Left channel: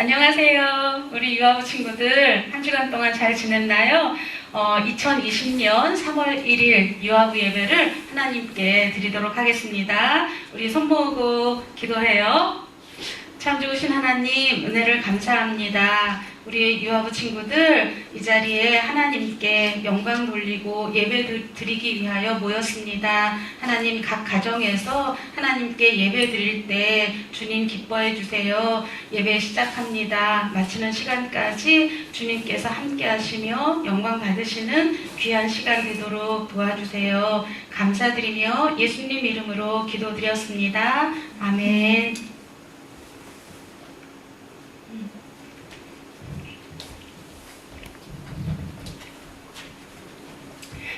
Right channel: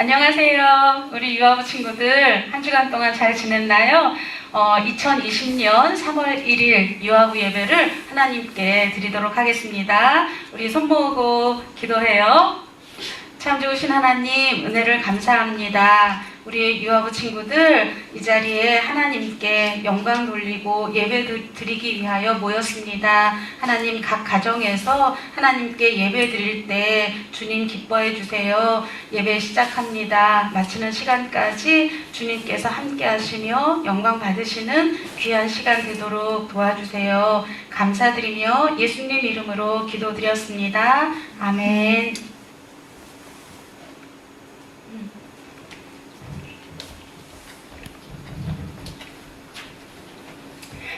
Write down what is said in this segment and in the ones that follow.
안녕하세요. 우리 유아부 친구들 한 주간 동안 잘 지냈나요? 2020년 3월 1일 유아부 예배를 하나님께 드리도록 하겠습니다. 우리 손 모으고 기도해요. 참 좋으신 하나님, 은혜를 감사합니다. 우리 유아부 친구들 이 자리에 하나님께 영광 돌리고 예배 드리기 위하여 모였습니다. 하나님, 각 가정에서 하나님께 예배 드릴 때 주님 기뻐해 주세요. 예배 시작합니다. 마치는 시간까지 주님께서 함께 하시며 영광 받으시는 귀한 시간 되도록 도와주세요. 감사드리며 예수님 이름으로 기도드렸습니다. 아멘.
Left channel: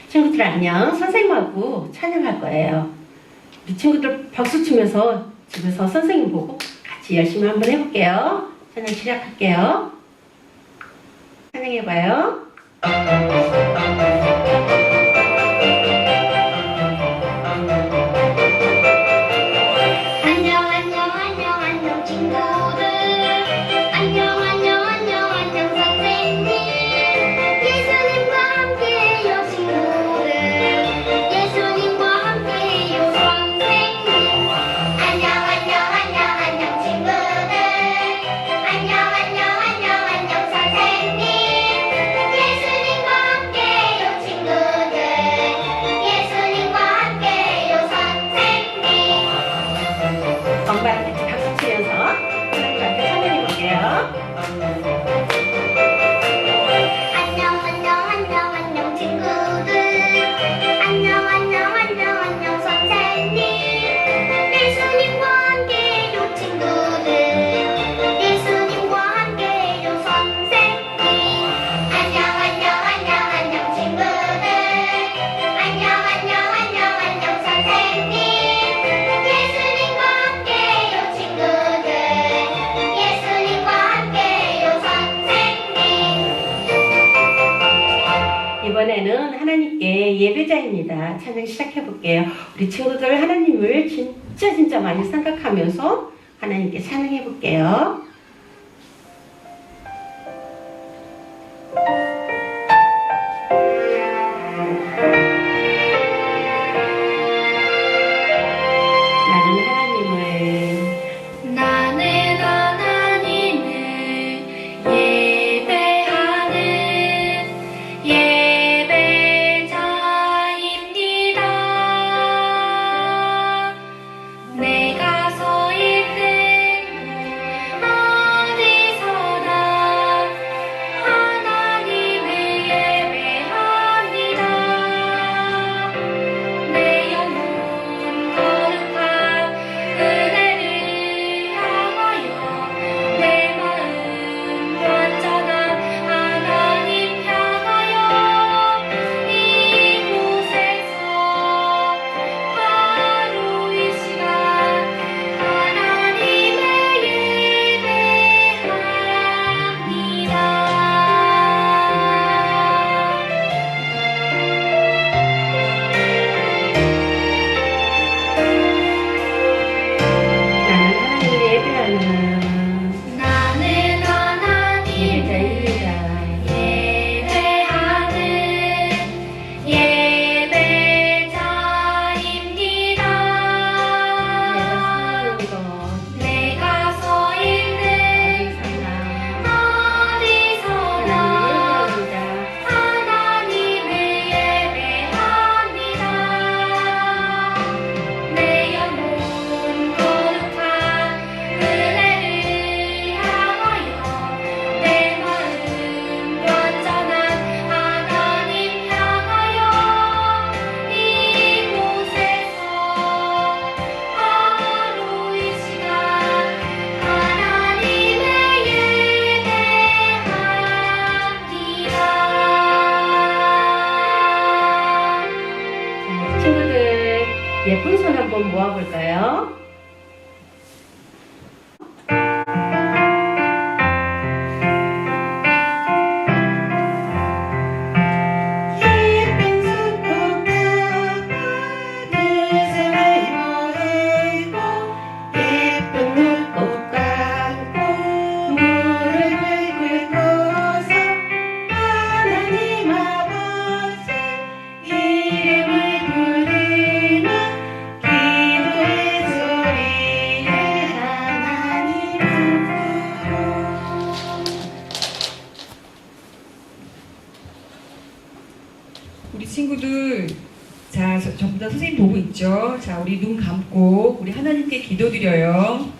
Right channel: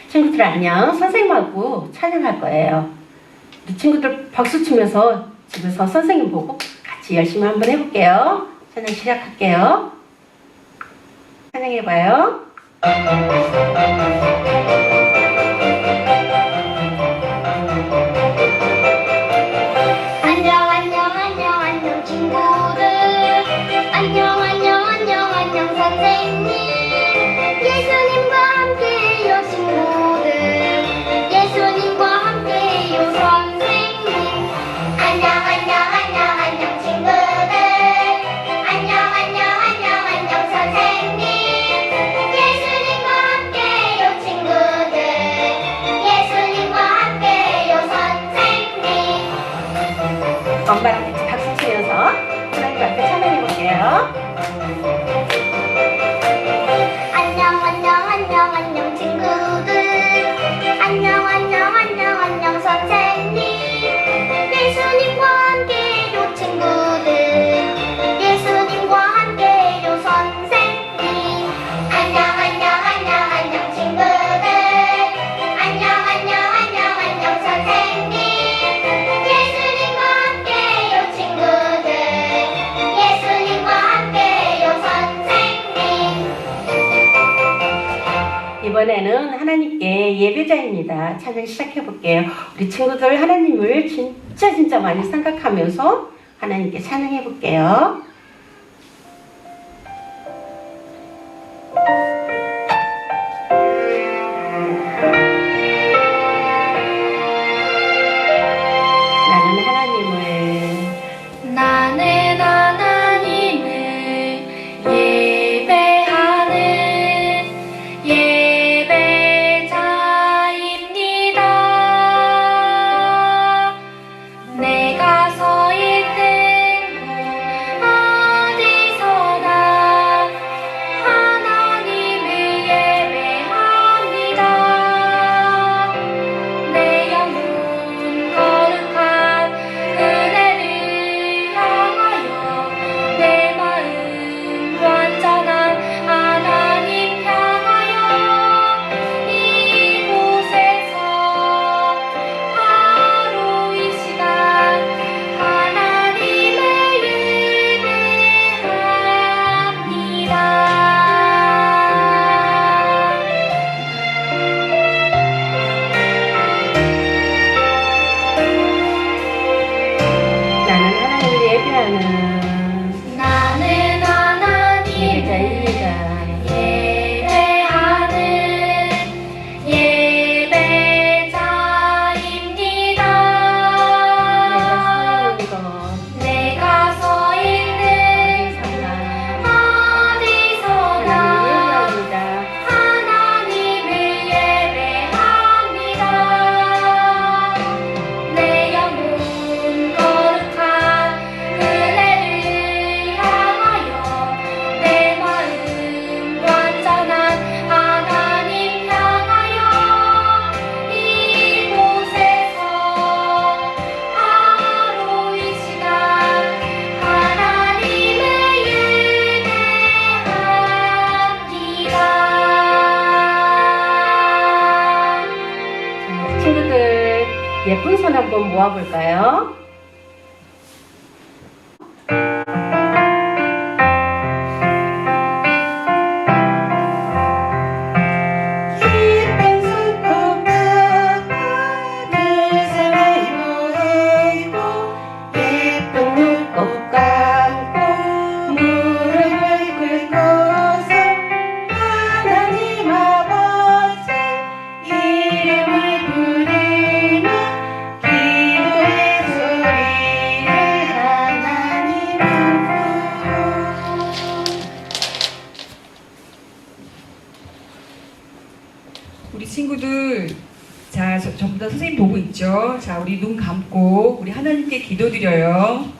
친구들 안녕. 선생님하고 찬양할 거예요. 우리 친구들 박수 치면서 집에서 선생님 보고 같이 열심히 한번 해볼게요. 찬양 시작할게요. 찬양해봐요. 안녕 안녕 안녕 안녕 친구들 안녕 안녕 안녕 안녕 선생님 예수님과 함께해요 친구들 예수님과 함께해요 선생님 안녕 안녕 안녕 안녕 친구들 안녕 안녕 안녕 안녕 선생님 예수님과 함께해요 친구들 예수님과 함께해요 선생님 엄마랑 같이 박수 치면서 하나님 앞에 찬양해볼게요. 안녕 안녕 안녕 안녕 친구들 안녕 안녕 안녕 안녕 선생님 예수님과 함께해요 친구들 예수님과 함께해요 선생님 안녕 안녕 안녕 안녕 친구들 안녕 안녕 안녕 안녕 선생님 예수님과 함께해요 친구들 예수님과 함께해요 선생님 이번에는 하나님께 예배자입니다. 찬양 시작해볼게요. 우리 친구들 하나님을 진짜 많이 생각하면서 하나님께 찬양해볼게요. 나는 하나님을 나는 하나님을 예배하는 예배자입니다. 내가 서 있는 곳 어디서나 하나님을 예배합니다. 내 영혼 거룩한 은혜를 향하여 내 마음 완전한 하나님 향하여 이곳에서 하루 이 시간 하나님을 예배합니다. 나는 하나님을 예배자입니다. 예배하는 예배자입니다. 내가 서 있는 어디서나 하나님을 예배합니다. 내 영혼 거룩한 은혜를 향하여 내 마음 완전한 하나님 향하여 이곳에서 하루 이 시간 하나님을 예배합니다. 친구들 예쁜 손 한번 모아볼까요? 예쁜 손꼽아 예쁜 눈곱 감고 자, 전부 다 선생님 보고 있죠? 자, 우리 눈 감고 우리 하나님께 기도드려요.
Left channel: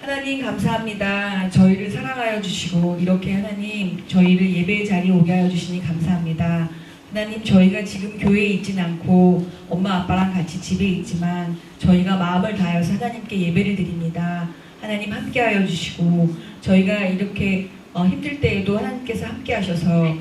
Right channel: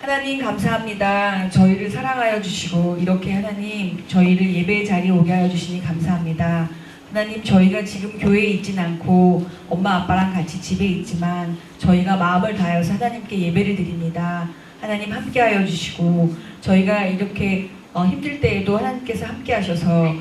하나님 감사합니다. 저희를 사랑하여 주시고 이렇게 하나님 저희를 예배의 자리에 오게 하여 주시니 감사합니다. 하나님 저희가 지금 교회에 있진 않고 엄마 아빠랑 같이 집에 있지만 저희가 마음을 다해서 하나님께 예배를 드립니다. 하나님 함께 하여 주시고 저희가 이렇게 힘들 때에도 하나님께서 함께 하셔서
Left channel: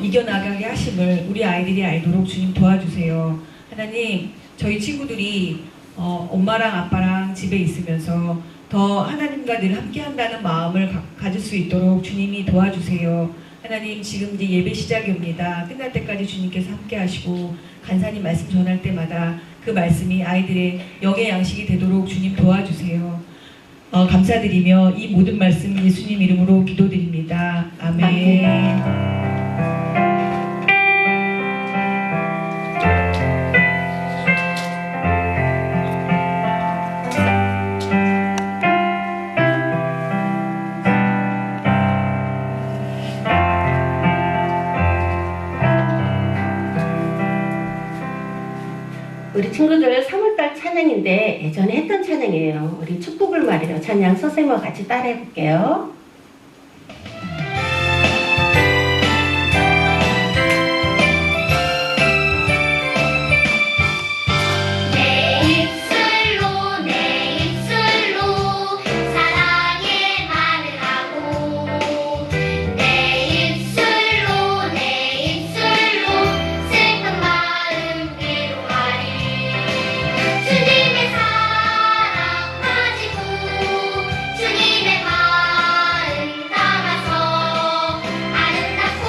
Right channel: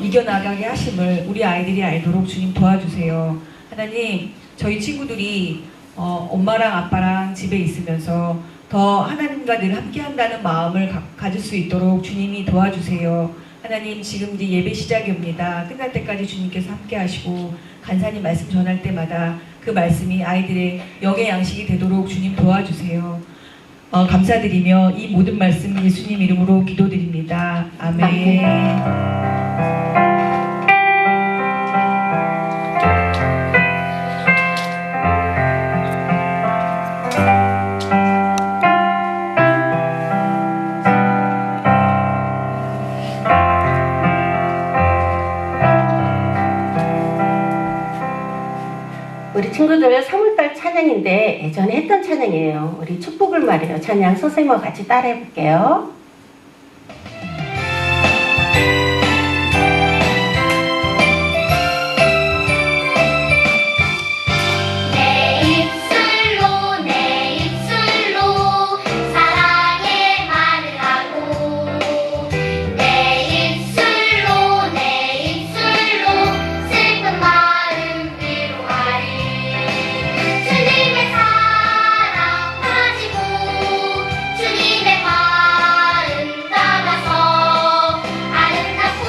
이겨나가게 하심을 우리 아이들이 알도록 주님 도와주세요. 하나님 저희 친구들이 엄마랑 아빠랑 집에 있으면서 더 하나님과 늘 함께 한다는 마음을 가질 수 있도록 주님이 도와주세요. 하나님 지금 이제 예배 시작입니다. 끝날 때까지 주님께서 함께 하시고 간사님 말씀 전할 때마다 그 말씀이 아이들의 영의 양식이 되도록 주님 도와주세요. 감사드리며 이 모든 말씀 예수님 이름으로 기도드립니다. 아멘. 우리 친구들 3월달 찬양인데 예전에 했던 찬양이에요. 우리 축복을 말해요. 찬양 선생님과 같이 따라해 볼게요. 내 입술로 사랑의 말을 하고 내 입술로 슬픈 마음 위로하리 주님의 사랑 가지고 주님의 마음 담아서 아름답고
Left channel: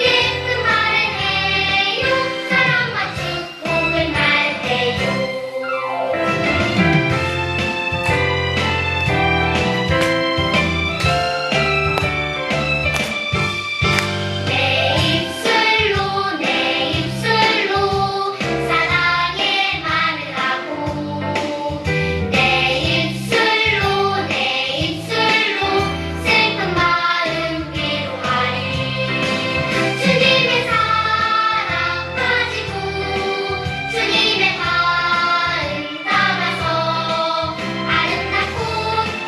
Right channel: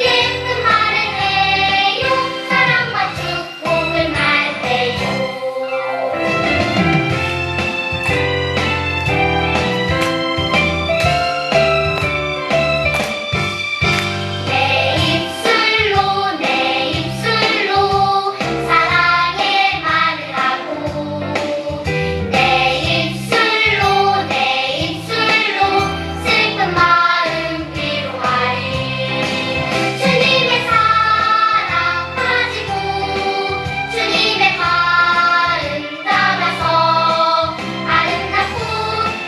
예쁜 말을 해요 사랑과 축복을 말해요 내 입술로 사랑의 말을 하고 내 입술로 슬픈 마음 위로하리 주님의 사랑 가지고 주님의 마음 담아서 아름답고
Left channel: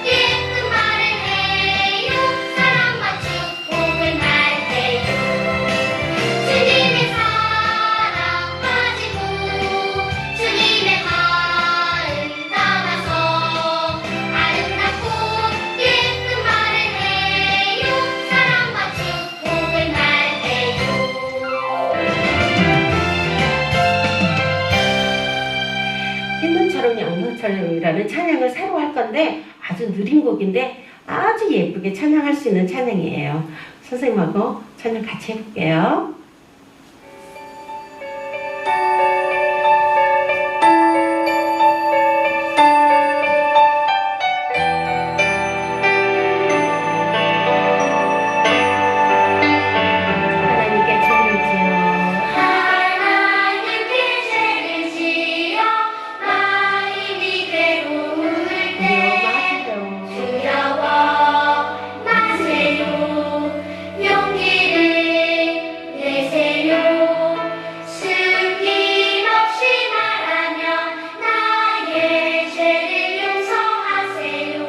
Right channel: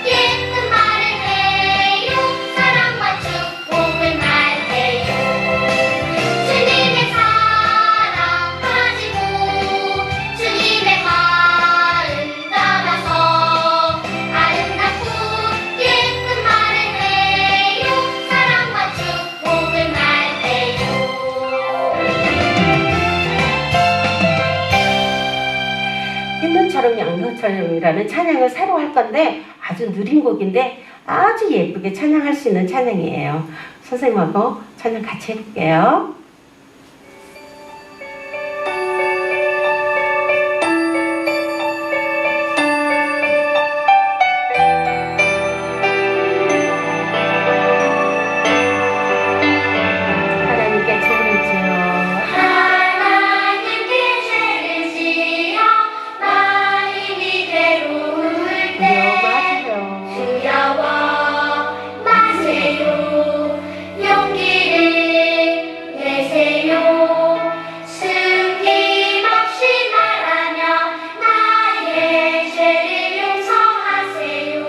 예쁜 말을 해요 사랑과 축복을 말해요 주님의 사랑 가지고 주님의 마음 담아서 아름답고 예쁜 말을 해요 사랑과 축복을 말해요 흰눈처럼 양눈처럼이라는 찬양을 새로 할 건데 아주 느린 곡인데 아주 예쁘게 찬양할 수 있는 찬양이에요. 선생님하고 찬양 같이 해볼게요. 하나님께 죄를 지어 하나님께 죄를 지어 마음이 괴로울 때 두려워하세요. 두려워 마세요 용기를 내세요 숨김없이 말하며 나의 죄를 용서하세요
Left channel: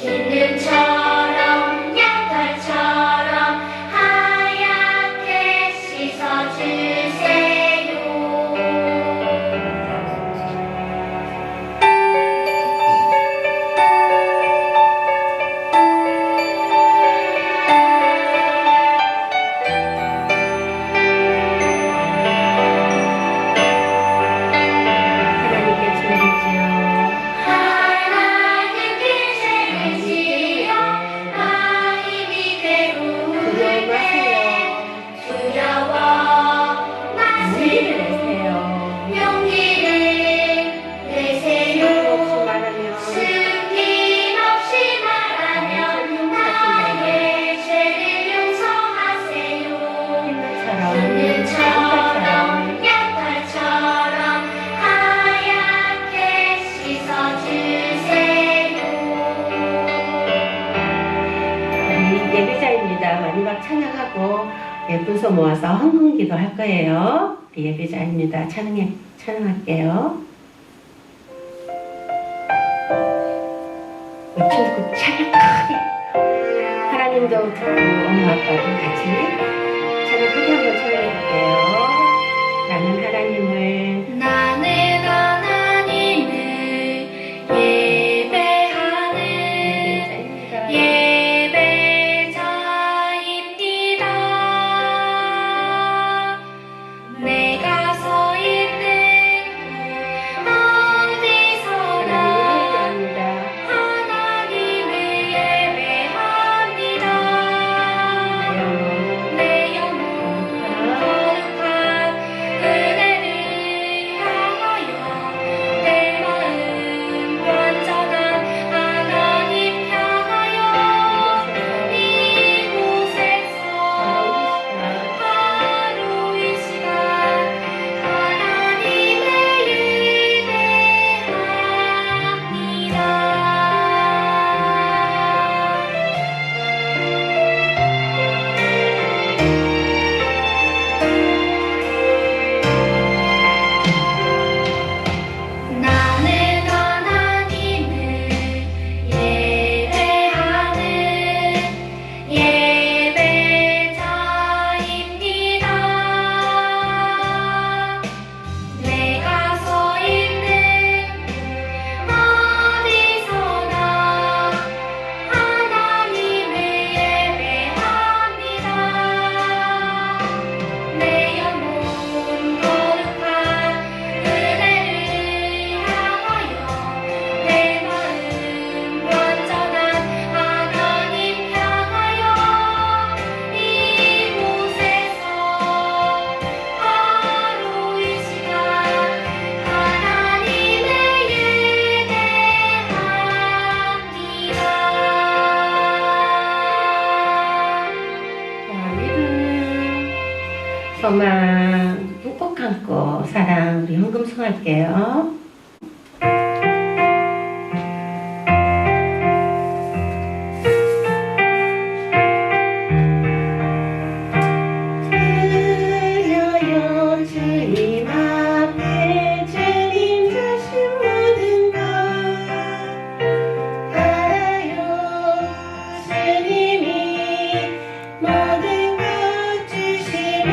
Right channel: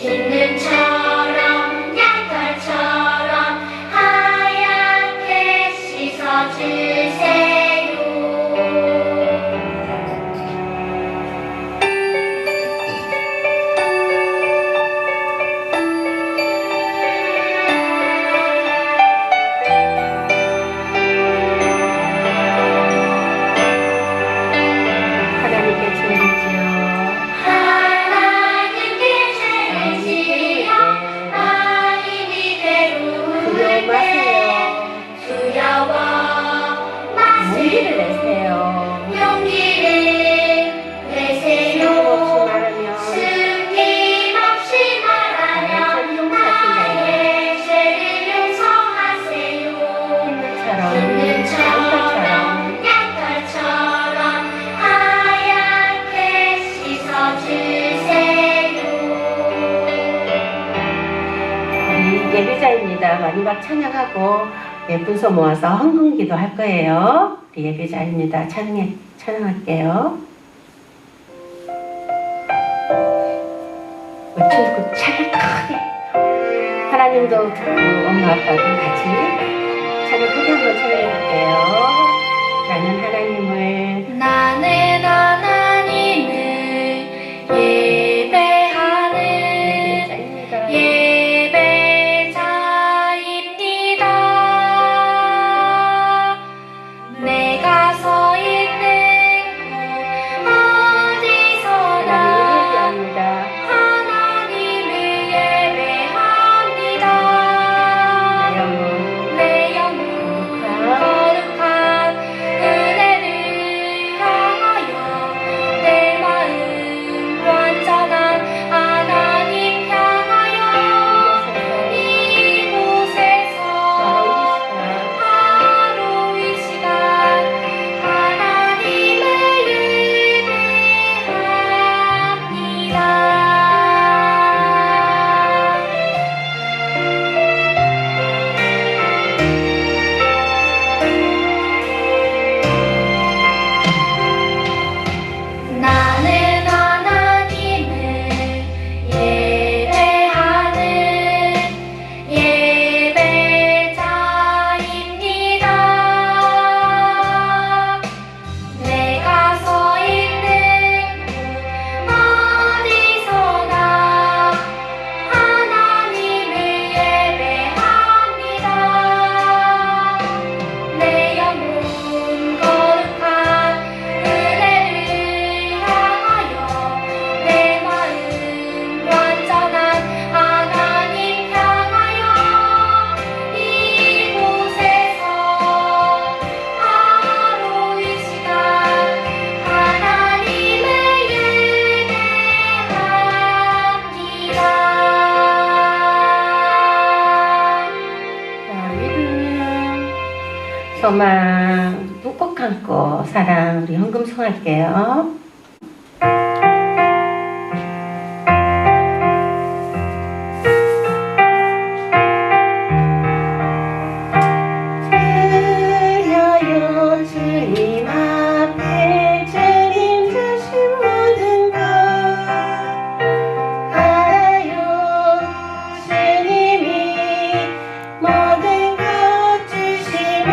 흰눈처럼 양털처럼 하얗게 씻어주세요 하나님께 죄를 지어 하나님께 죄를 지어 마음이 괴로울 때 두려워 용기를 마세요 내세요. 용기를 내세요 숨김없이 말하며 숨김없이 말하며 나의 죄를 용서하세요 흰눈처럼 양털처럼 하얗게 씻어주세요 우리 예배자입니다. 마지막 찬양하고 예쁜 손 모아서 헌금기도 할 거예요. 예배 자리입니다. 찬양할게요. 우리 친구 찬양 크게. 하나님도 듣고 엄마 아빠도 같이 찬양 크게 한번 찬양할게요. 나는 하나님을 나는 하나님을 예배하는 예배자입니다. 예배자입니다. 내가 서 있는 곳 어디서나 예배합니다. 하나님을 예배합니다. 내 영혼 거룩한 은혜를 향하여 내 마음 완전한 하나님 향하여 이곳에서 바로 이 시간 하나님을 예배합니다. 나는 하나님을 예배하는 예배자입니다. 내가 서 있는 곳 어디서나 하나님을 예배합니다. 내 영혼 거룩한 은혜를 향하여 내 마음 완전한 하나님 향하여 이곳에서 바로 이 시간 하나님을 예배합니다. 자, 믿음, 소망, 꾹꾹 감고 사랑 우리 헌금 성할게요. 드려요 주님 앞에 주님 주신 모든 것 알아요 주님이 모든 것 주시니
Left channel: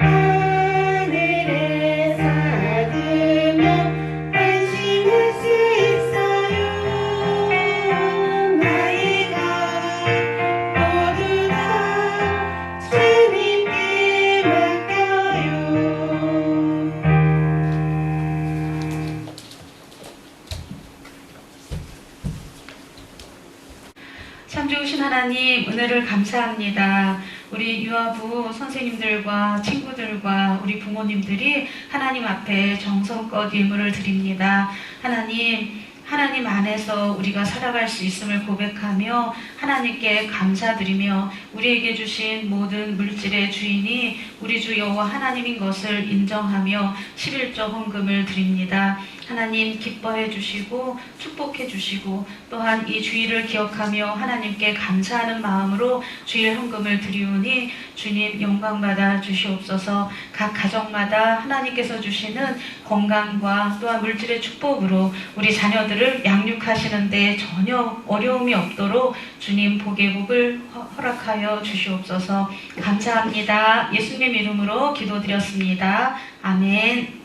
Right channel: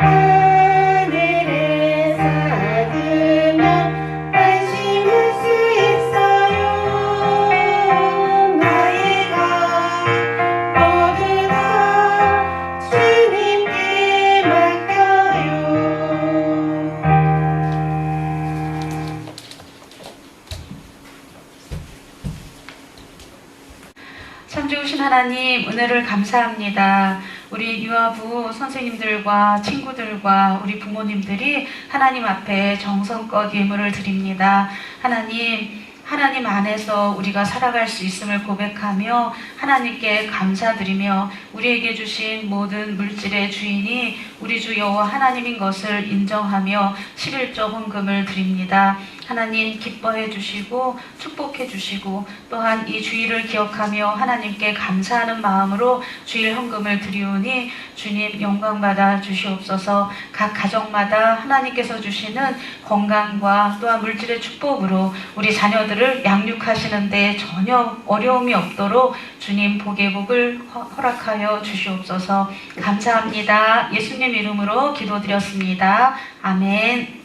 하늘에 삭으면 안심할 수 있어요. 나의 것 모두 다 주님께 맡겨요. 참 좋으신 하나님, 은혜를 감사합니다. 우리 유아부 선생님들과 친구들과 우리 부모님들이 하나님 앞에 정성껏 예물을 드립니다. 하나님 안에서 우리가 살아갈 수 있음을 고백하며 하나님께 감사드리며 우리에게 주신 모든 물질의 주인이 우리 주 여호와 하나님인 것을 인정하며 11조 헌금을 드립니다. 하나님 기뻐해 주시고 축복해 주시고 또한 이 주일을 기억하며 하나님께 감사하는 마음으로 주일 헌금을 드리오니 주님 영광받아 주시옵소서. 각 가정마다 하나님께서 주시는 건강과 또한 물질의 축복으로 우리 자녀들을 양육하시는데 전혀 어려움이 없도록 주님 복의 복을 허락하여 주시옵소서. 감사합니다. 예수님 이름으로 기도드렸습니다. 아멘.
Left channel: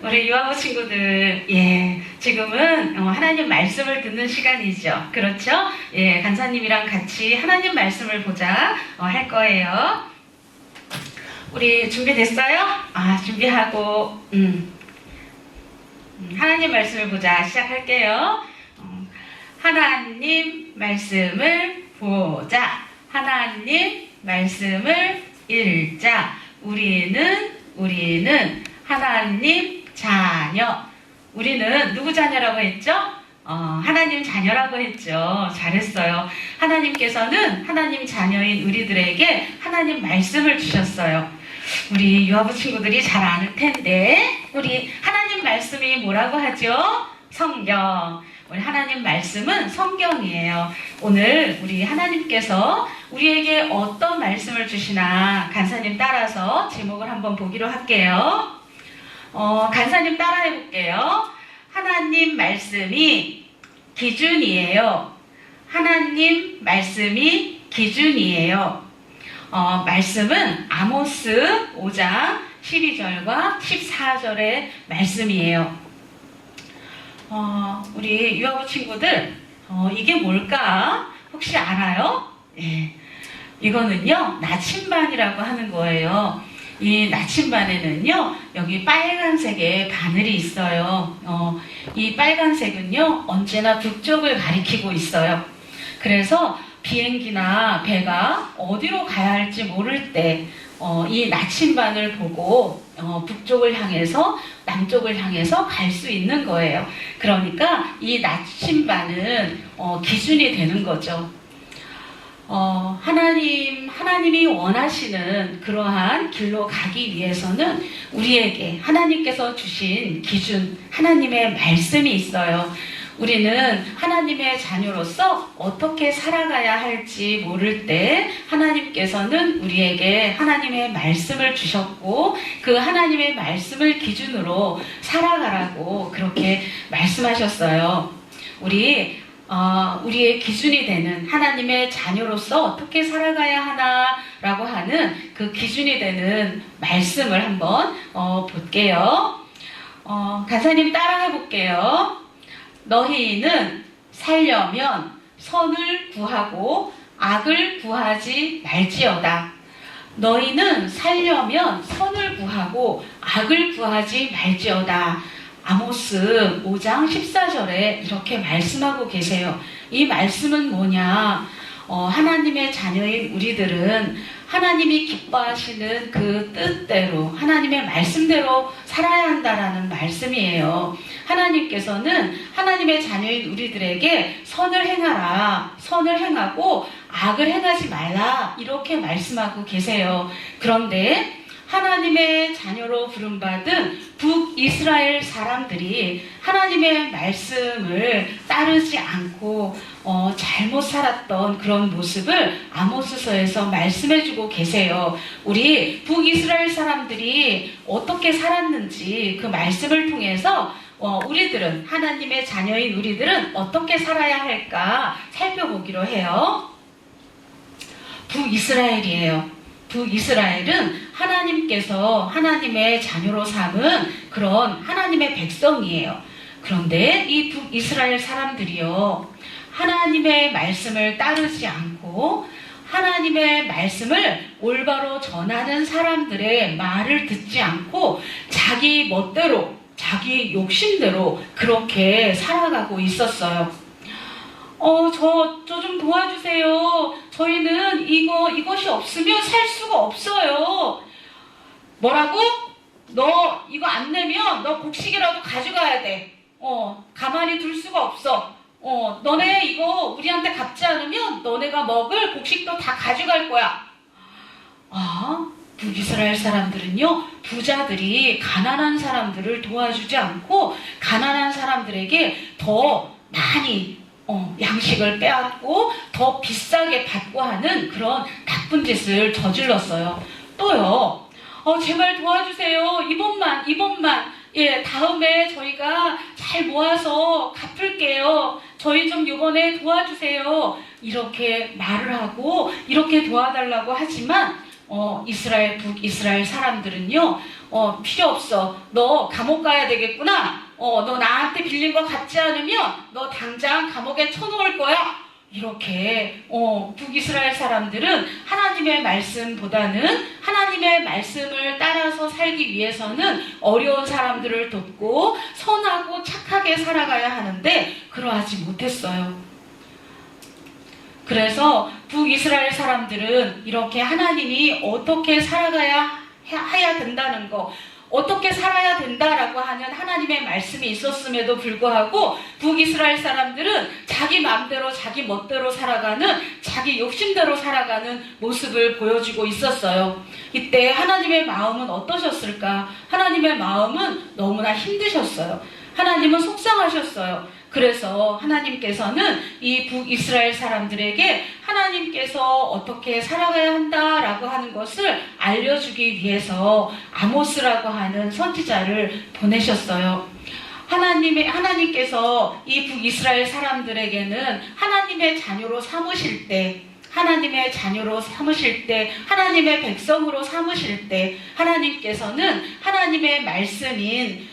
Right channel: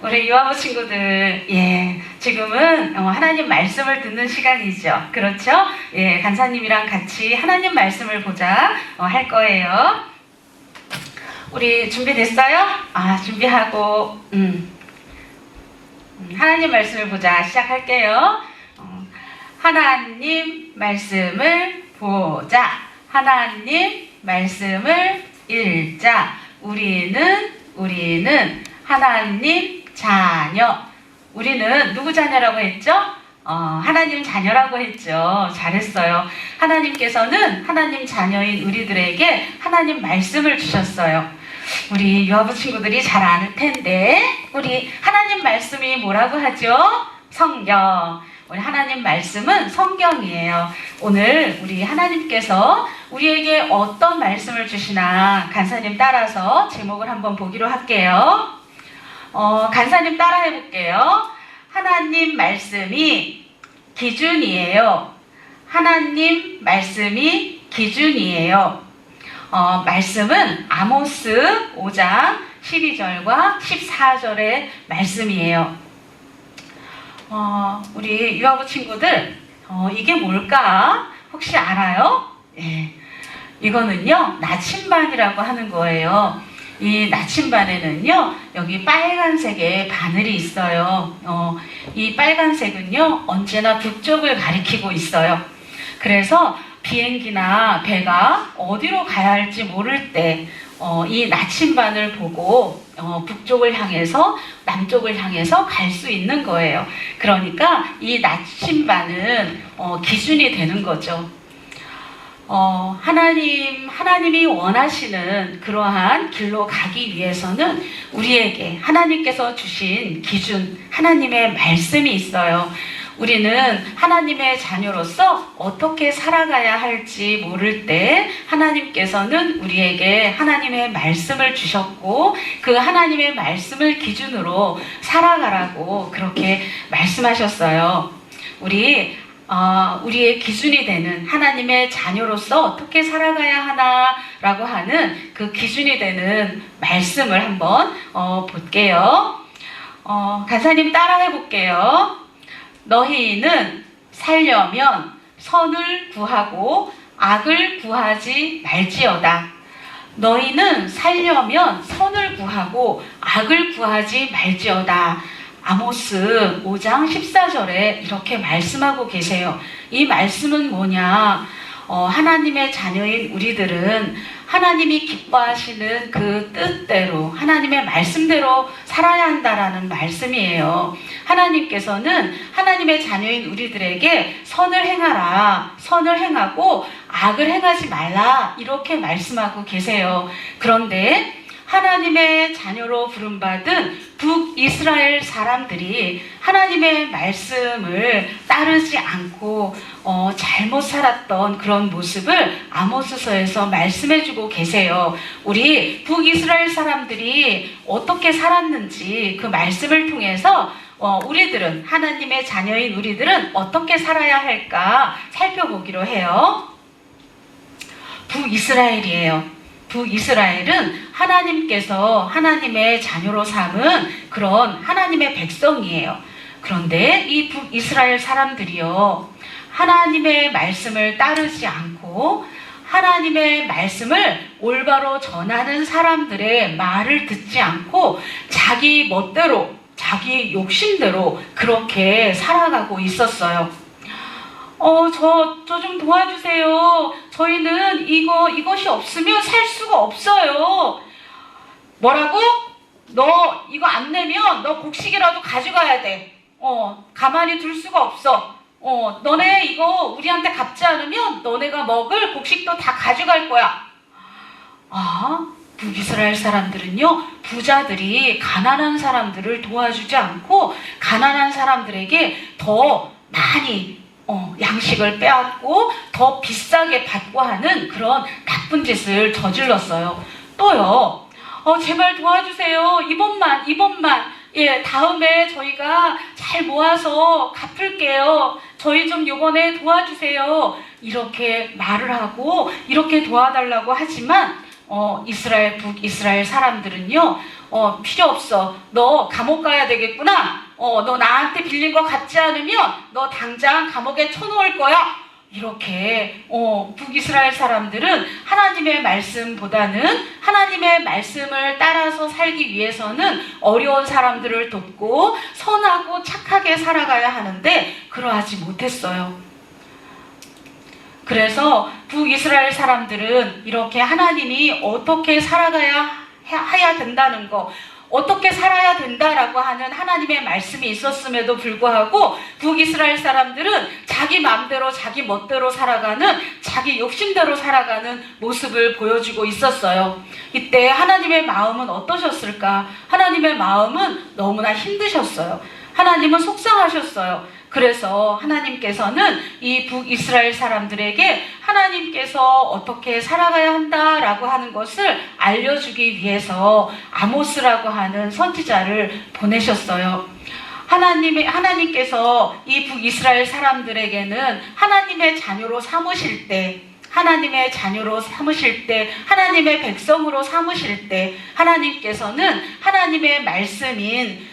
우리 유아부 친구들, 지금은 하나님 말씀을 듣는 시간이죠. 그렇죠? 간사님이랑 같이 하나님 말씀을 보자 할 거예요. 우리 준비됐어요? 준비하고, 하나님 말씀을 보자 시작할게요. 하나님 말씀을 보자. 하나님 말씀을 읽자. 우리는 하나님 자녀. 우리는 누구 자녀라고 했죠? 하나님 자녀라고 했죠. 잘했어요. 하나님께서는 하나님 자녀인 우리들에게 하나님 말씀을 주셨어요. 우리 유아부 친구들이 잘 아는 텐데 우리 하나님 말씀이 뭐라고 하죠? 성경. 우리 하나님 말씀은 성경이에요. 오늘 우리 하나님께서 우리에게 어떤 말씀을 주시나 간사님 따라서 제목을 한번 보기로 할게요. 간사님 따라해 볼게요. 하나님 말씀이 기준이에요. 하나님 말씀이 기준이에요. 말씀은 아모스 5장 12절과 14절의 말씀이에요. 우리 유아부 친구들, 이게 뭘까? 혹시 알아요? 예. 이거는요, 나침반이라고 하는 거예요. 이 나침반에는요, 여기 빨간색의 바늘이 있어요. 이 빨간색은요, 언제나 북쪽을 가리키고 있어요. 그래서 비행기나 배가 어디로 가야 할지 모를 때, 이 나침반을 보고 북쪽을 향해서 남쪽을 향해서 갈 수 있는 거예요. 그러니까 이 나침반은 기준이 되는 거죠. 하나님이 원하시는 그러한 길로 가기 위해서는 우리에게 하나님께서 주신 기준, 하나님의 말씀이 있어요. 우리는 하나님의 자녀로서 어떻게 살아가야 할지 모를 때 하나님께서는 우리에게 하나님의 말씀을 주셨고 그 하나님의 말씀을 기준으로 살아가라고 그렇게 말씀하셨어요. 우리의 기준이 되는 하나님의 자녀로서 어떻게 살아가야 하나라고 하는 그 기준이 되는 말씀을 한번 볼게요. 간사님 따라해 볼게요. 너희는 살려면 선을 구하고 악을 구하지 말지어다. 너희는 살려면 선을 구하고 악을 구하지 말지어다. 아모스 5장 14절에 이렇게 말씀하고 계세요. 이 말씀은 뭐냐? 하나님의 자녀인 우리들은 하나님이 기뻐하시는 그 뜻대로 하나님의 말씀대로 살아야 한다라는 말씀이에요. 하나님께서는 하나님의 자녀인 우리들에게 선을 행하라, 선을 행하고 악을 행하지 말라 이렇게 말씀하고 계세요. 그런데 하나님의 자녀로 부름받은 북이스라엘 사람들이 하나님의 말씀을 따르지 않고 잘못 살았던 그런 모습을 아모스서에서 말씀해주고 계세요. 우리 북이스라엘 사람들이 어떻게 살았는지 그 말씀을 통해서 우리들은 하나님의 자녀인 우리들은 어떻게 살아야 할까 살펴보기로 해요. 북이스라엘이에요. 북이스라엘은 하나님께서 하나님의 자녀로 삼은 그런 하나님의 백성이에요. 그런데 이 북이스라엘 사람들이요, 하나님의 말씀을 따르지 않고 하나님의 말씀을 올바로 전하는 사람들의 말을 듣지 않고 자기 멋대로, 자기 욕심대로 그렇게 살아가고 있었어요. 저 좀 도와주세요. 저희는 이것이 없으면 살 수가 없어요. 뭐라고? 너 이거 안 내면 너 곡식이라도 가져가야 돼. 가만히 둘 수가 없어. 너네 이거 우리한테 갚지 않으면 너네가 먹을 곡식도 다 가져갈 거야. 북이스라엘 사람들은요, 부자들이 가난한 사람들을 도와주지 않고 가난한 사람들에게 더 많이 양식을 빼앗고 더 비싸게 받고 하는 그런 나쁜 짓을 저질렀어요. 또요, 제발 도와주세요. 이번만. 예, 다음에 저희가 잘 모아서 갚을게요. 저희 좀 요번에 도와주세요. 이렇게 말을 하고 이렇게 도와달라고 하지만 북이스라엘 사람들은요, 필요 없어. 너 감옥 가야 되겠구나. 너 나한테 빌린 거 갚지 않으면 너 당장 감옥에 쳐놓을 거야. 이렇게 북이스라엘 사람들은 하나님의 말씀보다는 하나님의 말씀을 따라서 살기 위해서는 어려운 사람들을 돕고 선하고 착하게 살아가야 하는데 그러하지 못했어요. 그래서 북이스라엘 사람들은 이렇게 하나님이 어떻게 살아가야 해야 된다는 거, 어떻게 살아야 된다라고 하는 하나님의 말씀이 있었음에도 불구하고 북이스라엘 사람들은 자기 마음대로 자기 멋대로 살아가는, 자기 욕심대로 살아가는 모습을 보여주고 있었어요. 이때 하나님의 마음은 어떠셨을까? 하나님의 마음은 너무나 힘드셨어요. 하나님은 속상하셨어요. 그래서 하나님께서는 이 북이스라엘 사람들에게 하나님께서 어떻게 살아가야 한다라고 하는 것을 알려주기 위해서 아모스라고 하는 선지자를 보내셨어요. 하나님께서 이 북이스라엘 사람들에게는 하나님의 자녀로 삼으실 때, 하나님의 백성으로 삼으실 때 하나님께서는 하나님의 말씀인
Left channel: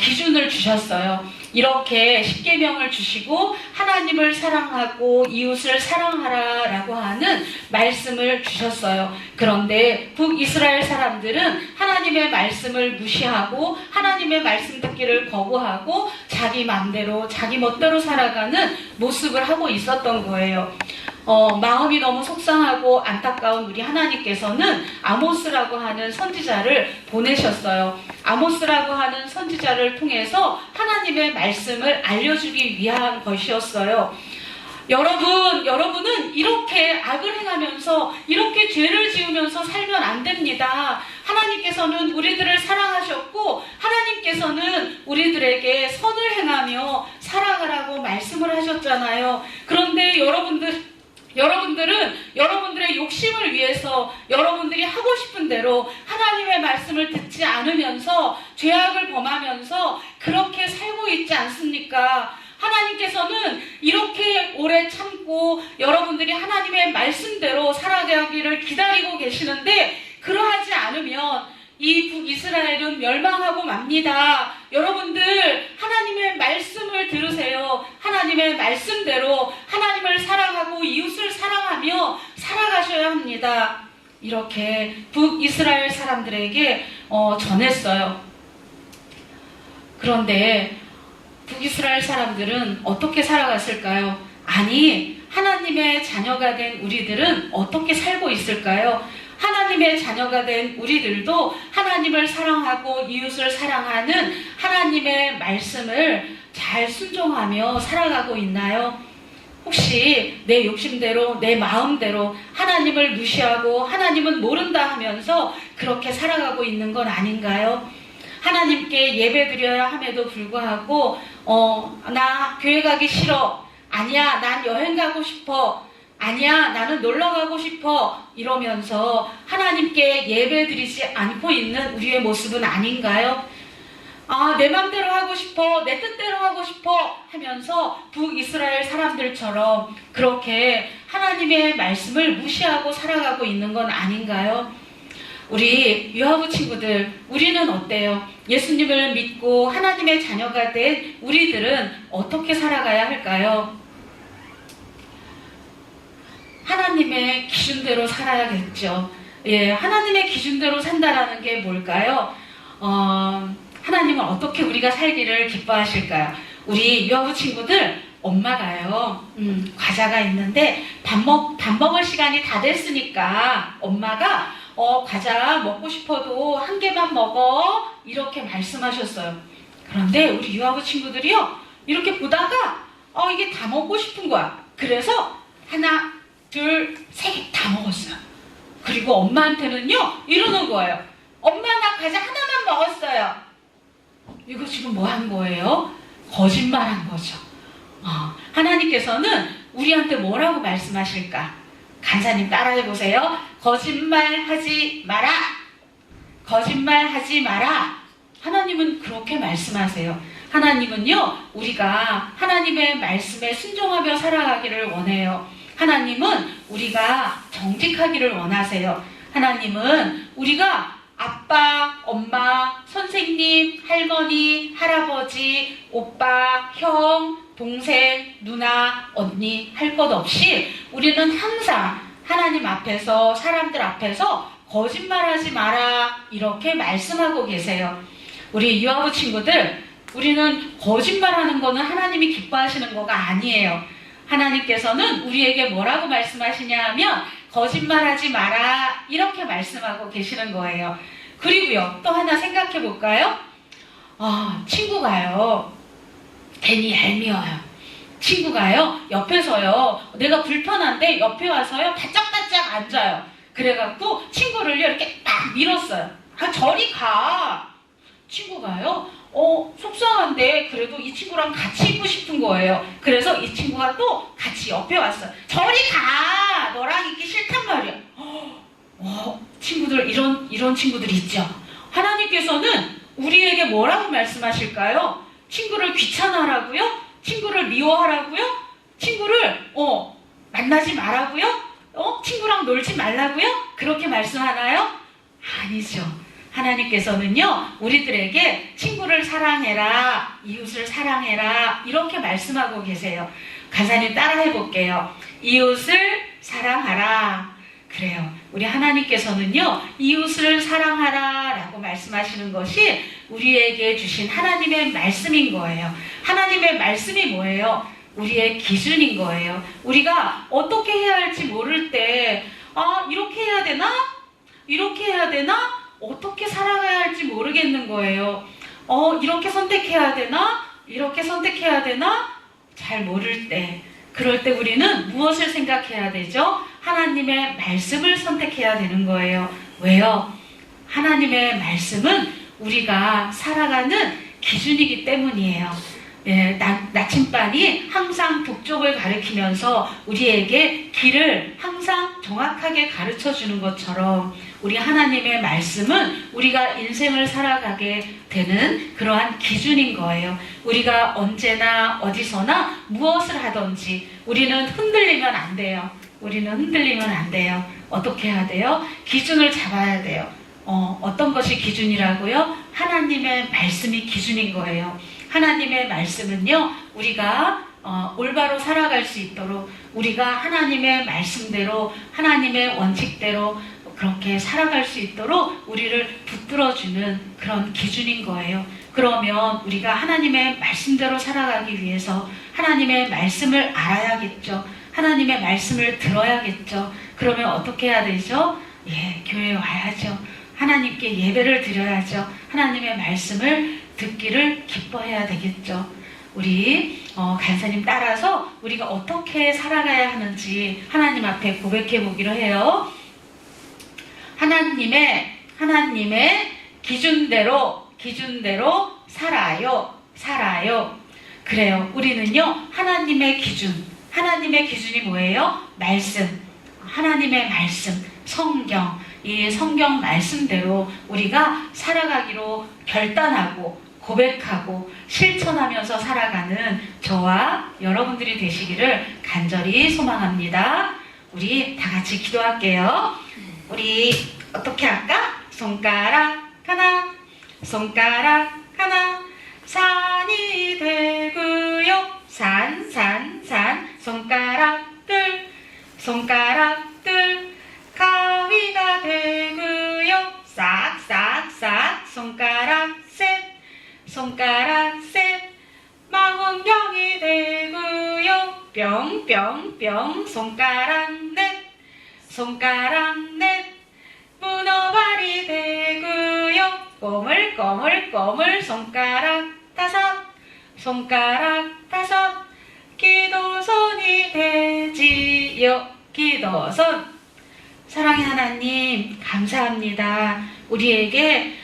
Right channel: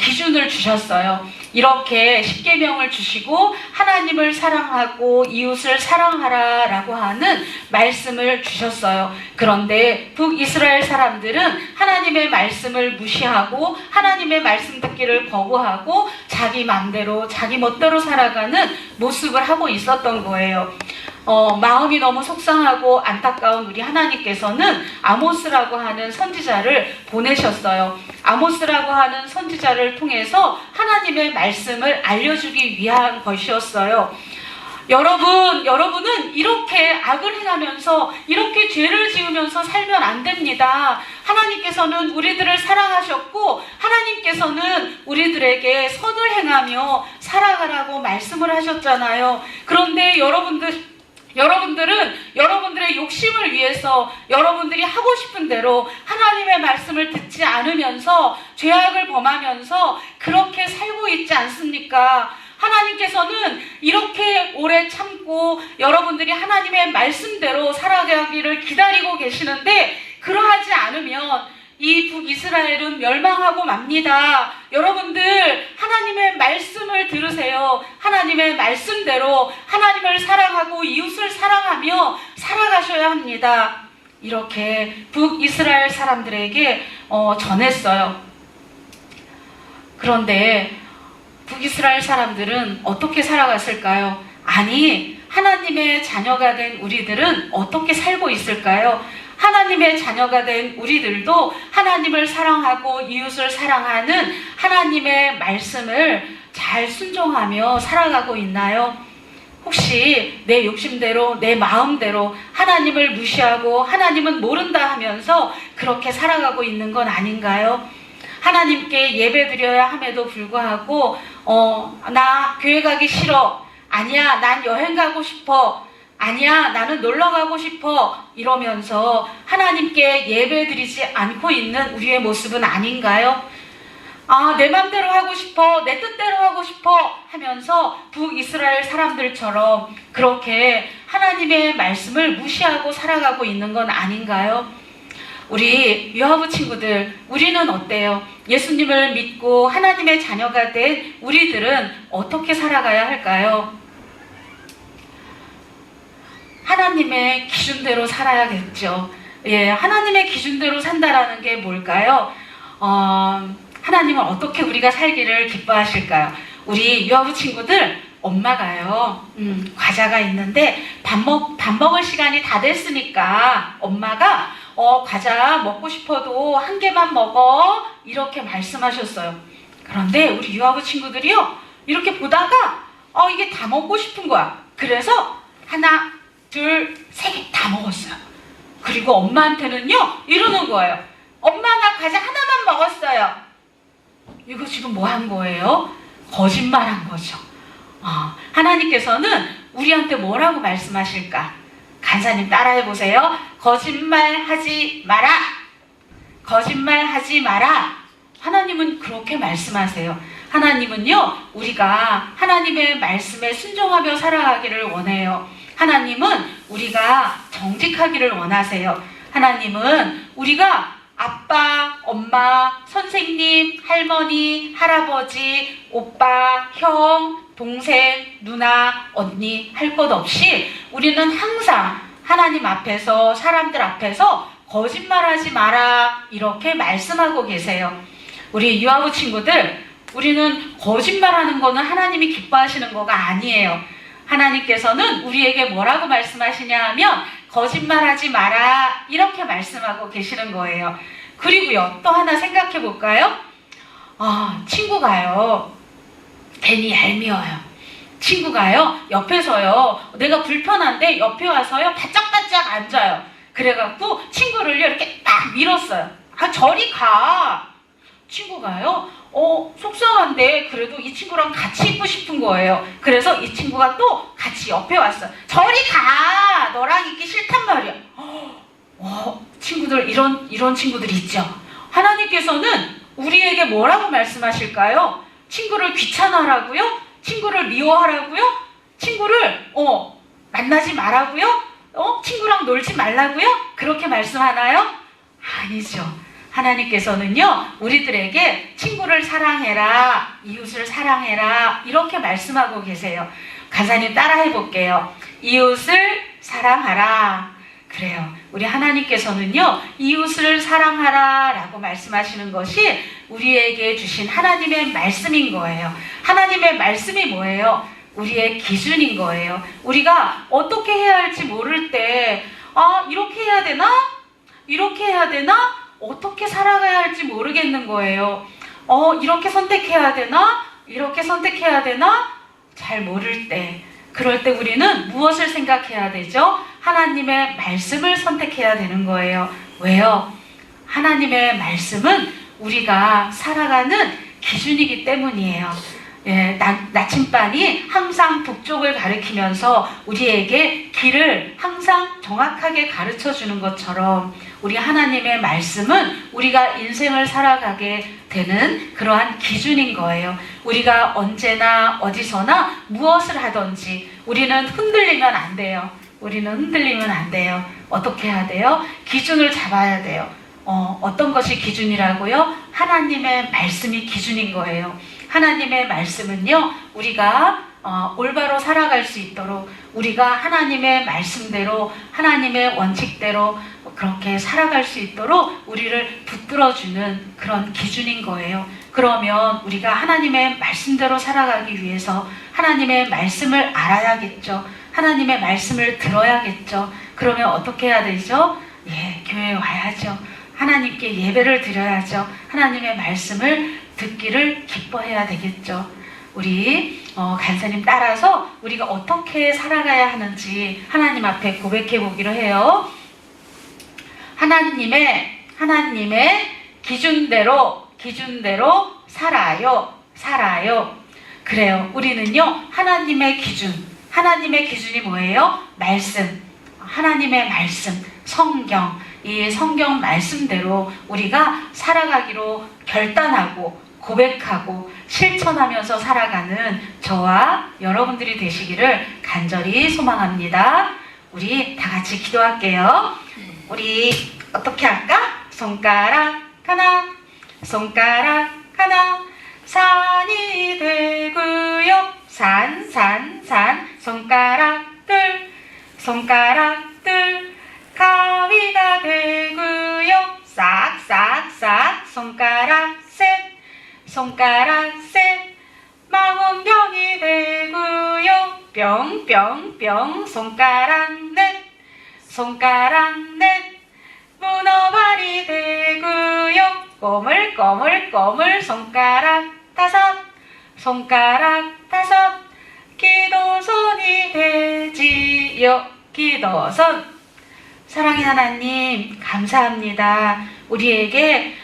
기준을 주셨어요. 이렇게 십계명을 주시고 하나님을 사랑하고 이웃을 사랑하라라고 하는 말씀을 주셨어요. 그런데 북이스라엘 사람들은 하나님의 말씀을 무시하고 하나님의 말씀 듣기를 거부하고 자기 맘대로 자기 멋대로 살아가는 모습을 하고 있었던 거예요. 마음이 너무 속상하고 안타까운 우리 하나님께서는 아모스라고 하는 선지자를 보내셨어요. 아모스라고 하는 선지자를 통해서 하나님의 말씀을 알려주기 위한 것이었어요. 여러분은 이렇게 악을 행하면서 이렇게 죄를 지으면서 살면 안 됩니다. 하나님께서는 우리들을 사랑하셨고 하나님께서는 우리들에게 선을 행하며 살아가라고 말씀을 하셨잖아요. 그런데 여러분들은 여러분들의 욕심을 위해서 여러분들이 하고 싶은 대로 하나님의 말씀을 듣지 않으면서 죄악을 범하면서 그렇게 살고 있지 않습니까? 하나님께서는 이렇게 오래 참고 여러분들이 하나님의 말씀대로 살아가기를 기다리고 계시는데 그러하지 않으면 이 북이스라엘은 멸망하고 맙니다. 여러분들 하나님의 말씀을 들으세요. 하나님의 말씀대로 하나님을 사랑하고 이웃을 사랑하며 살아가셔야 합니다. 이렇게 북이스라엘 사람들에게 전했어요. 그런데 북이스라엘 사람들은 어떻게 살아갔을까요? 아니, 하나님의 자녀가 된 우리들은 어떻게 살고 있을까요? 하나님의 자녀가 된 우리들도 하나님을 사랑하고 이웃을 사랑하는 하나님의 말씀을 잘 순종하며 살아가고 있나요? 혹시 내 욕심대로 내 마음대로 하나님을 무시하고 하나님은 모른다 하면서 그렇게 살아가고 있는 건 아닌가요? 하나님께 예배드려야 함에도 불구하고 나 교회 가기 싫어. 아니야, 난 여행 가고 싶어. 아니야, 나는 놀러 가고 싶어. 이러면서 하나님께 예배드리지 않고 있는 우리의 모습은 아닌가요? 내 맘대로 하고 싶어, 내 뜻대로 하고 싶어 하면서 북이스라엘 사람들처럼 그렇게 하나님의 말씀을 무시하고 살아가고 있는 건 아닌가요? 우리 유아부 친구들, 우리는 어때요? 예수님을 믿고 하나님의 자녀가 된 우리들은 어떻게 살아가야 할까요? 하나님의 기준대로 살아야겠죠. 예, 하나님의 기준대로 산다라는 게 뭘까요? 하나님은 어떻게 우리가 살기를 기뻐하실까요? 우리 유아부 친구들, 엄마가요, 과자가 있는데 밥 먹을 시간이 다 됐으니까 엄마가 과자 먹고 싶어도 한 개만 먹어. 이렇게 말씀하셨어요. 그런데 우리 유아부 친구들이요, 이렇게 보다가 이게 다 먹고 싶은 거야. 그래서 하나, 둘, 세 개 다 먹었어요. 그리고 엄마한테는요, 이러는 거예요. 엄마, 나 과자 하나만 먹었어요. 이거 지금 뭐 한 거예요? 거짓말한 거죠. 하나님께서는 우리한테 뭐라고 말씀하실까? 간사님 따라해보세요. 거짓말하지 마라. 거짓말하지 마라. 하나님은 그렇게 말씀하세요. 하나님은요, 우리가 하나님의 말씀에 순종하며 살아가기를 원해요. 하나님은 우리가 정직하기를 원하세요. 하나님은 우리가 아빠, 엄마, 선생님, 할머니, 할아버지, 오빠, 형, 동생, 누나, 언니 할 것 없이 우리는 항상 하나님 앞에서, 사람들 앞에서 거짓말하지 마라 이렇게 말씀하고 계세요. 우리 유아부 친구들, 우리는 거짓말하는 거는 하나님이 기뻐하시는 거가 아니에요. 하나님께서는 우리에게 뭐라고 말씀하시냐 하면 거짓말하지 마라 이렇게 말씀하고 계시는 거예요. 그리고요, 또 하나 생각해 볼까요? 친구가요, 괜히 얄미워요. 친구가요, 옆에서요, 내가 불편한데 옆에 와서요, 바짝바짝 앉아요. 그래갖고 친구를요, 이렇게 딱 밀었어요. 저리 가. 친구가요, 속상한데 그래도 이 친구랑 같이 있고 싶은 거예요. 그래서 이 친구가 또 같이 옆에 왔어요. 저리 가! 너랑 있기 싫단 말이야. 친구들, 이런 친구들이 있죠. 하나님께서는 우리에게 뭐라고 말씀하실까요? 친구를 귀찮아하라고요? 친구를 미워하라고요? 친구를 만나지 말라고요? 친구랑 놀지 말라고요? 그렇게 말씀하나요? 아니죠. 하나님께서는요, 우리들에게 친구를 사랑해라, 이웃을 사랑해라, 이렇게 말씀하고 계세요. 간사님 따라해 볼게요. 이웃을 사랑하라. 그래요. 우리 하나님께서는요, 이웃을 사랑하라 라고 말씀하시는 것이 우리에게 주신 하나님의 말씀인 거예요. 하나님의 말씀이 뭐예요? 우리의 기준인 거예요. 우리가 어떻게 해야 할지 모를 때, 이렇게 해야 되나? 이렇게 해야 되나? 어떻게 살아가야 할지 모르겠는 거예요. 이렇게 선택해야 되나? 이렇게 선택해야 되나? 잘 모를 때. 그럴 때 우리는 무엇을 생각해야 되죠? 하나님의 말씀을 선택해야 되는 거예요. 왜요? 하나님의 말씀은 우리가 살아가는 기준이기 때문이에요. 나침반이 항상 북쪽을 가리키면서 우리에게 길을 항상 정확하게 가르쳐 주는 것처럼 우리 하나님의 말씀은 우리가 인생을 살아가게 되는 그러한 기준인 거예요. 우리가 언제나 어디서나 무엇을 하든지 우리는 흔들리면 안 돼요. 우리는 흔들리면 안 돼요. 어떻게 해야 돼요? 기준을 잡아야 돼요. 어떤 것이 기준이라고요? 하나님의 말씀이 기준인 거예요. 하나님의 말씀은요, 우리가 올바로 살아갈 수 있도록 우리가 하나님의 말씀대로 하나님의 원칙대로 그렇게 살아갈 수 있도록 우리를 붙들어주는 그런 기준인 거예요. 그러면 우리가 하나님의 말씀대로 살아가기 위해서 하나님의 말씀을 알아야겠죠. 하나님의 말씀을 들어야겠죠. 그러면 어떻게 해야 되죠? 교회에 와야죠. 하나님께 예배를 드려야죠. 하나님의 말씀을 듣기를 기뻐해야 되겠죠. 우리 간사님 따라서 우리가 어떻게 살아가야 하는지 하나님 앞에 고백해 보기로 해요. 하나님의 기준대로 살아요. 그래요. 우리는요, 하나님의 기준이 뭐예요? 말씀. 하나님의 말씀, 성경. 이 성경 말씀대로 우리가 살아가기로 결단하고 고백하고 실천하면서 살아가는 저와 여러분들이 되시기를 간절히 소망합니다. 우리 다 같이 기도할게요. 우리 어떻게 할까? 손가락 하나, 산이 되고요. 산, 손가락 둘, 가위가 되고요. 싹, 손가락 셋, 망원병이 되고요. 뿅, 손가락 넷, 문어발이 되고요. 꼬물, 손가락 다섯, 기도손이 되지요. 기도손. 사랑의 하나님, 감사합니다. 우리에게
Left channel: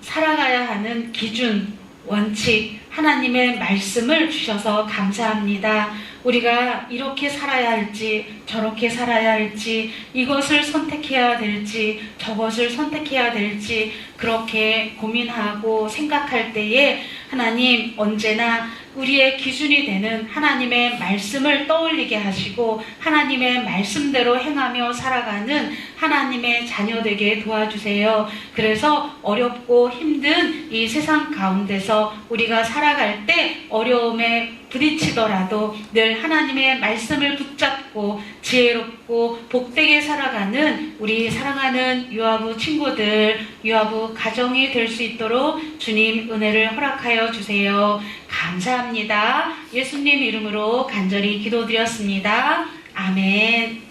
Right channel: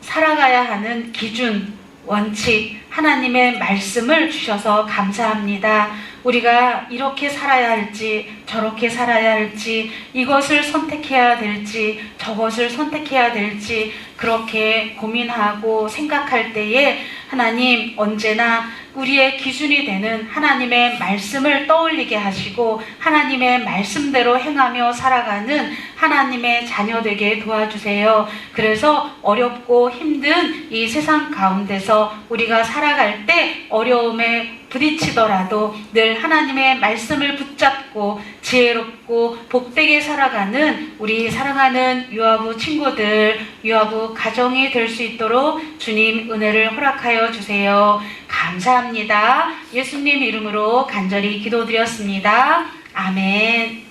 살아가야 하는 기준, 원칙, 하나님의 말씀을 주셔서 감사합니다. 우리가 이렇게 살아야 할지, 저렇게 살아야 할지, 이것을 선택해야 될지, 저것을 선택해야 될지, 그렇게 고민하고 생각할 때에 하나님 언제나 우리의 기준이 되는 하나님의 말씀을 떠올리게 하시고 하나님의 말씀대로 행하며 살아가는 하나님의 자녀 되게 도와주세요. 그래서 어렵고 힘든 이 세상 가운데서 우리가 살아갈 때 어려움에 부딪히더라도 늘 하나님의 말씀을 붙잡고 지혜롭고 복되게 살아가는 우리 사랑하는 유아부 친구들, 유아부 가정이 될 수 있도록 주님 은혜를 허락하여 주세요. 감사합니다. 예수님 이름으로 간절히 기도드렸습니다. 아멘.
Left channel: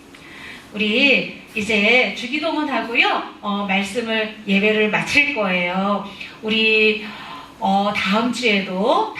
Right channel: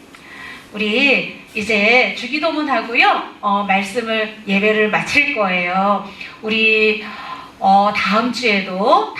우리 이제 주기도문 하고요. 말씀을 예배를 마칠 거예요. 우리 다음 주에도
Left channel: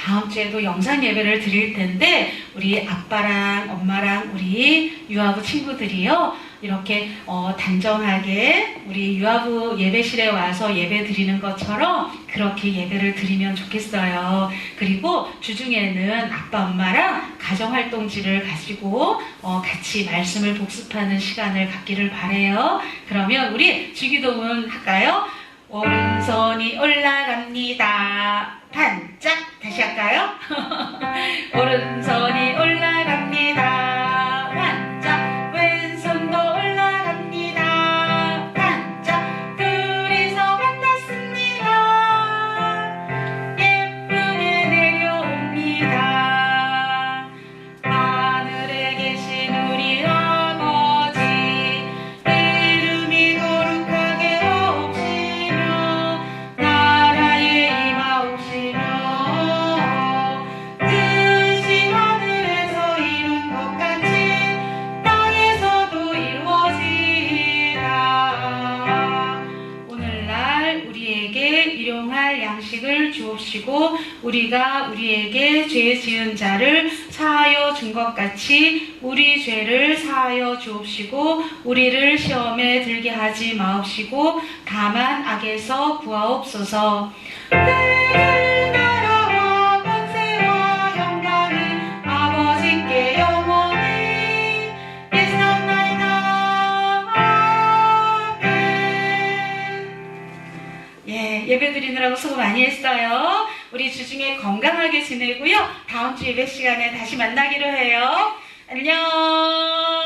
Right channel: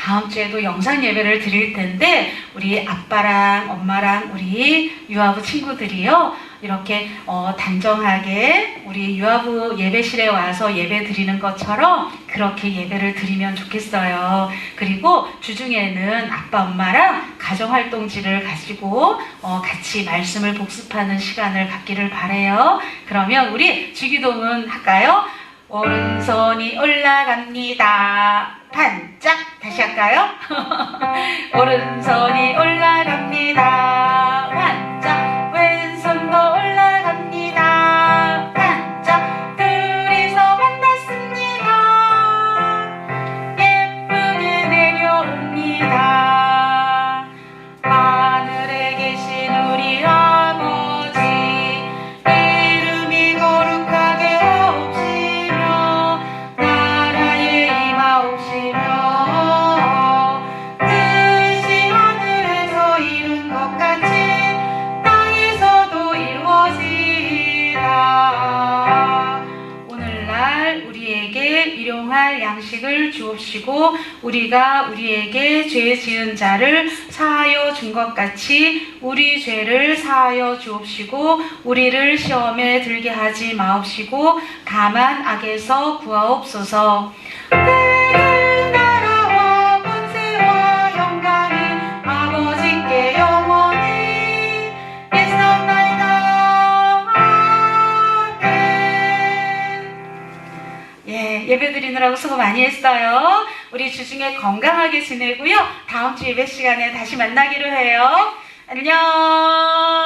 영상 예배를 드릴 텐데 우리 아빠랑 엄마랑 우리 유아부 친구들이요. 이렇게 단정하게 우리 유아부 예배실에 와서 예배 드리는 것처럼 그렇게 예배를 드리면 좋겠어요. 그리고 주중에는 아빠 엄마랑 가정활동지를 가지고 같이 말씀을 복습하는 시간을 갖기를 바래요. 그러면 우리 주기도문 할까요? 오른손이 올라갑니다. 반짝. 다시 할까요? 오른손이 올라갑니다. 반짝. 왼손도 올라갑니다. 반짝. 둘이서 만났습니다. 예쁘게 내려옵니다. 하늘에 계신 우리 아버지 이름이 거룩하게 하옵시며 나라에 임하옵시며 뜻이 하늘에서 이룬 것 같이 땅에서도 이루어지리라. 오늘날 우리에게 일용할 양식을 주옵시고 우리가 우리에게 죄 지은 자를 사하여 준 것 같이 우리 죄를 사하여 주옵시고 우리를 시험에 들게 하지 마옵시고 다만 악에서 구하옵소서. 내 나라와 권세와 영광이 아버지께 영원히 있사옵나이다. 아멘. 예배 드리느라고 수고 많이 했어요. 우리 주중에 건강하게 지내고요. 다음 주 예배 시간에 다시 만나기로 해요. 안녕.